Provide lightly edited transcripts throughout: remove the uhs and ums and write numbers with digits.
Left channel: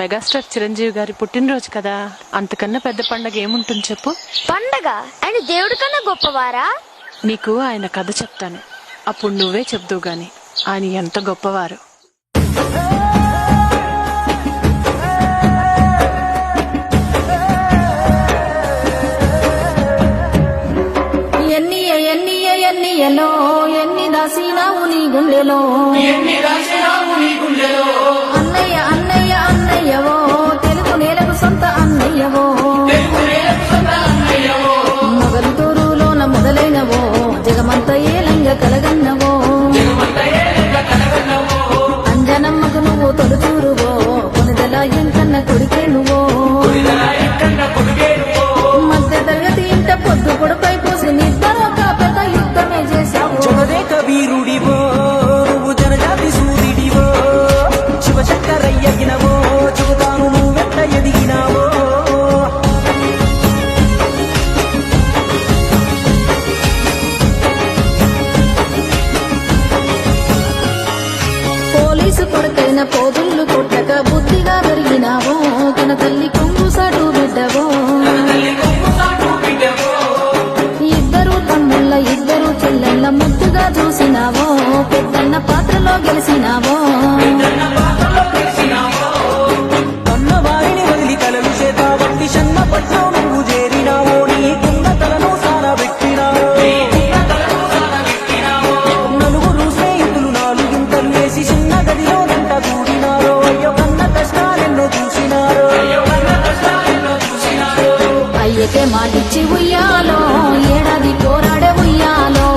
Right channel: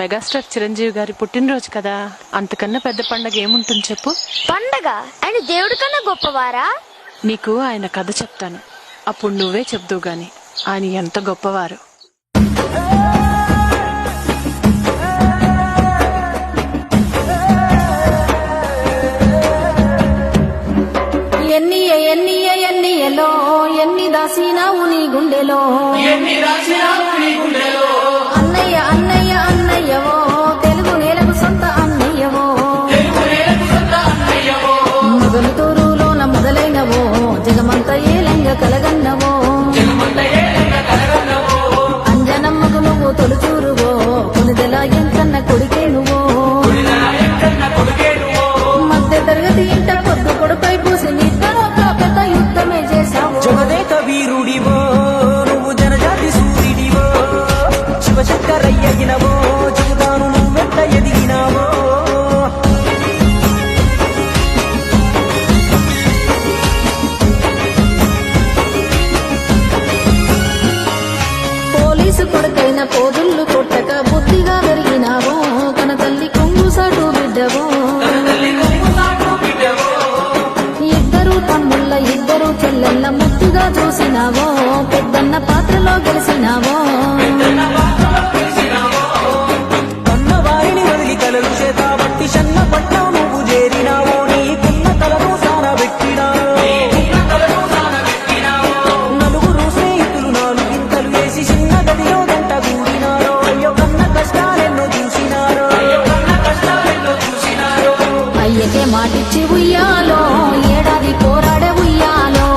Megastar Chiranjeevi గారి పుట్టినరోజు కదా, అంతకన్నా పెద్ద పండగ ఏముంటుంది చెప్పు? పండగ? ఆయన దేవుడి కన్నా గొప్పవారా? నీకు ఆయన కథ చెప్తాను, అప్పుడు నువ్వే చెప్దువు గాని ఆయన ఎంత గొప్పవారు. ఎన్నియలో ఎన్ని దాసినావు నీ గుండెలో, అన్నయ్య అన్నయ్య అన్నయ్యవో తెలుగు నేలకు సొంత అన్నయ్యవో, మొగలు తూరులోన మొదలైనవో జగమంత ఏలంగ కలగన్నవో, అంజనమ్మకు నువ్వు తొలుచూరువో కొనిదెలా ఎంకన్న కొడికే నువ్వో, మధ్య తరగతి ఇంట పొద్దు పొడుపై పూసి నిద్దరొక పెద్ద యుద్ధమే చేశావు. జగదేక వీరుడివో నువ్వు జనజాతి సూర్యుడివో, శివశంకరయ్యగినవో చెబుతాను నువ్వెంత ఎదిగినావో. పోలీసు కొడుకైన పోదుళ్ళు కొట్టక బుద్ధిగా పెరిగినావో, కన తల్లి కొంగు సాటు బిడ్డవో, ఇద్దరు తమ్ముళ్ళ ఇద్దరు చెల్లెళ్ళ ముద్దుగా చూసినావో, పెద్దన్న పాత్రలో గెలిచినావో, కన్నవారిని వదిలి కలలు చేతాబట్టి షన్నపట్నం నువ్వు చేరినావో, నీకున్న కలను సానబెట్టినావో, నలుగురు స్నేహితులు నాలుగింతలు వేసి చిన్న గదిలో గంట గూడినారో, అయ్యో కన్న కష్టాలెన్నో చూసినారో. అయ్యకే మాటిచ్చి ఉయ్యాలో ఏడాది పోరాడే ఉయ్యాలో,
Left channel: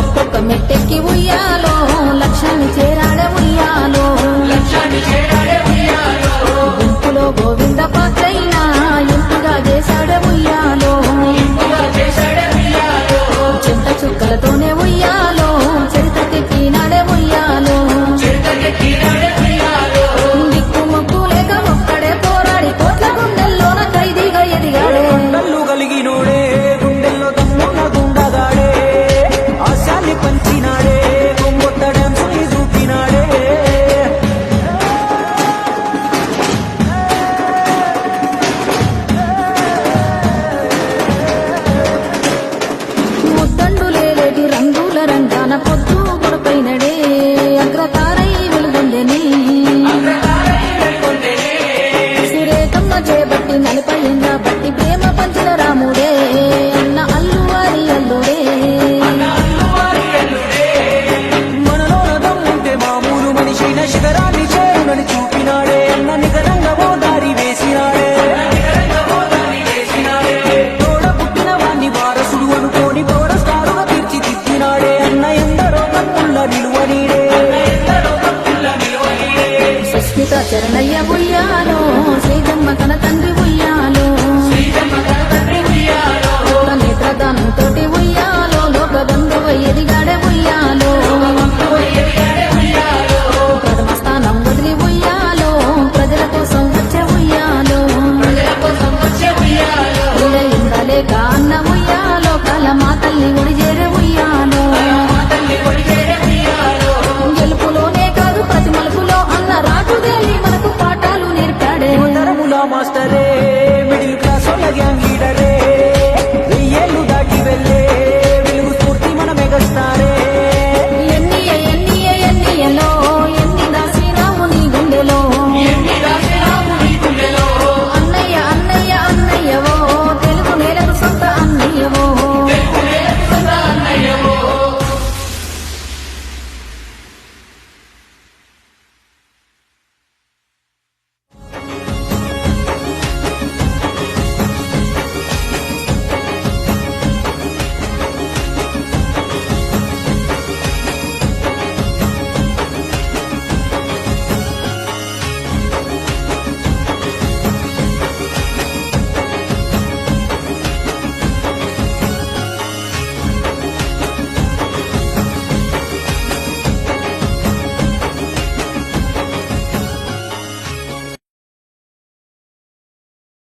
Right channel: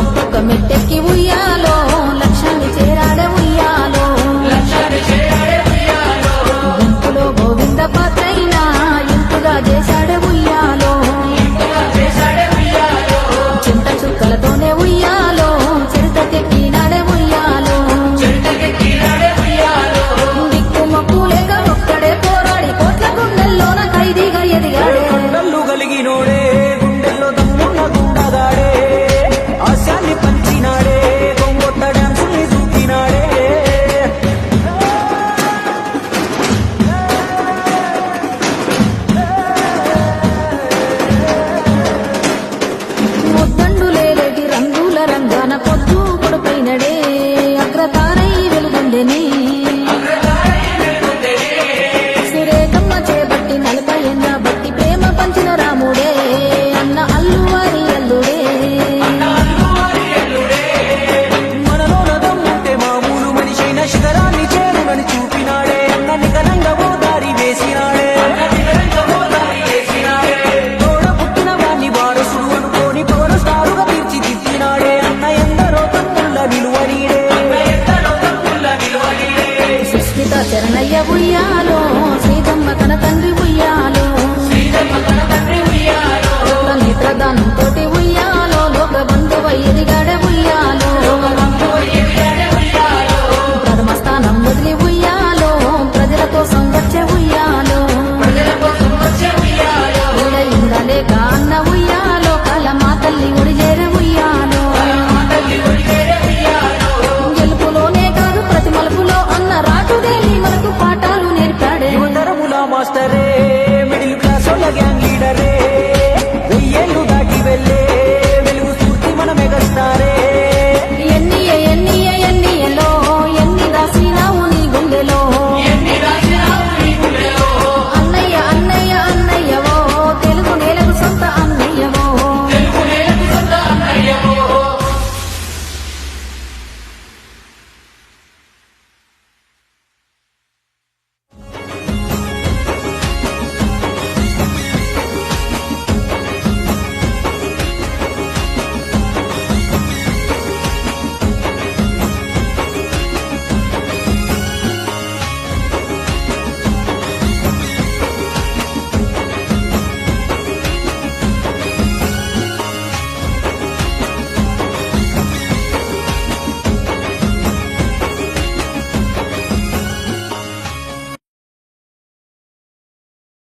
ఒక్కొక్క మెట్టెక్కి ఉయ్యాలో లక్ష్యాన్ని చేరాడే ఉయ్యాలో, గుంపులో గోవింద పాత్రైనా ఇంపుగా చేశాడే ఉయ్యాలో, చింత చుక్కలతోనే ఉయ్యాలో చరితకెక్కినాడే ఉయ్యాలో, దిక్కు మొక్కు లేక ఒక్కడే పోరాడి కోట్ల గుండెల్లోన ఖైదీగా ఎదిగాడే. కొండలు కలిగినోడే గుండెల్లో దమ్మున్న గుండగాడే, ఆశాన్ని పంచినాడే కొంగొత్త డాన్సుల్ని చూపినాడే. ముద్దండులేటి రంగుల రంగాన పొద్దు కొడుపైనడే, అగ్రతారై వెలుగొందెనే, సురేఖమ్మ చేబట్టి 40 ఏళ్ళ బట్టి ప్రేమ పంచిన రాముడే, అన్న అల్లువారి అల్లుడే, మనలోన దమ్ముంటే మామూలు మనిషైన శిఖరాన్ని చేరునని చూపినాడే, అన్న నికరంగా ఓ దారి వేసినాడే, తోడ పుట్టిన వాణ్ణి వారసుడు అనుకోని పవర్ స్టారుగా తీర్చిదిద్దినాడే, అన్న ఎందరో తమ్ముళ్ళ నిలువనీడే. సుస్మిత చరణయ్య ఉయ్యాలో, శ్రీజమ్మ కన తండ్రి ఉయ్యాలో, కొత్త నేత్రదానంతో ఉయ్యాలో, లోక బంధువై ఎదిగాడే ఉయ్యాలో, ప్రథమ స్థానం వదిలి ఉయ్యాలో, ప్రజల కోసం వచ్చే ఉయ్యాలో, ఇందలేక అన్న ఉయ్యాలో, కలమా తల్లి ఒడిజేరే ఉయ్యాలో, గెలుపులోనే కాదు ప్రతి మలుపులో అన్న రాటుదేలి మనకు పాఠాలు నేర్పాడే. యువతరముల మాస్టరే మిడిల్ క్లాస్ వాళ్ళ గ్యాంగ్ లీడరే, 1000 ఏళ్ళు దాటి వెళ్ళే వెలుగు స్ఫూర్తి మన మెగాస్టారే.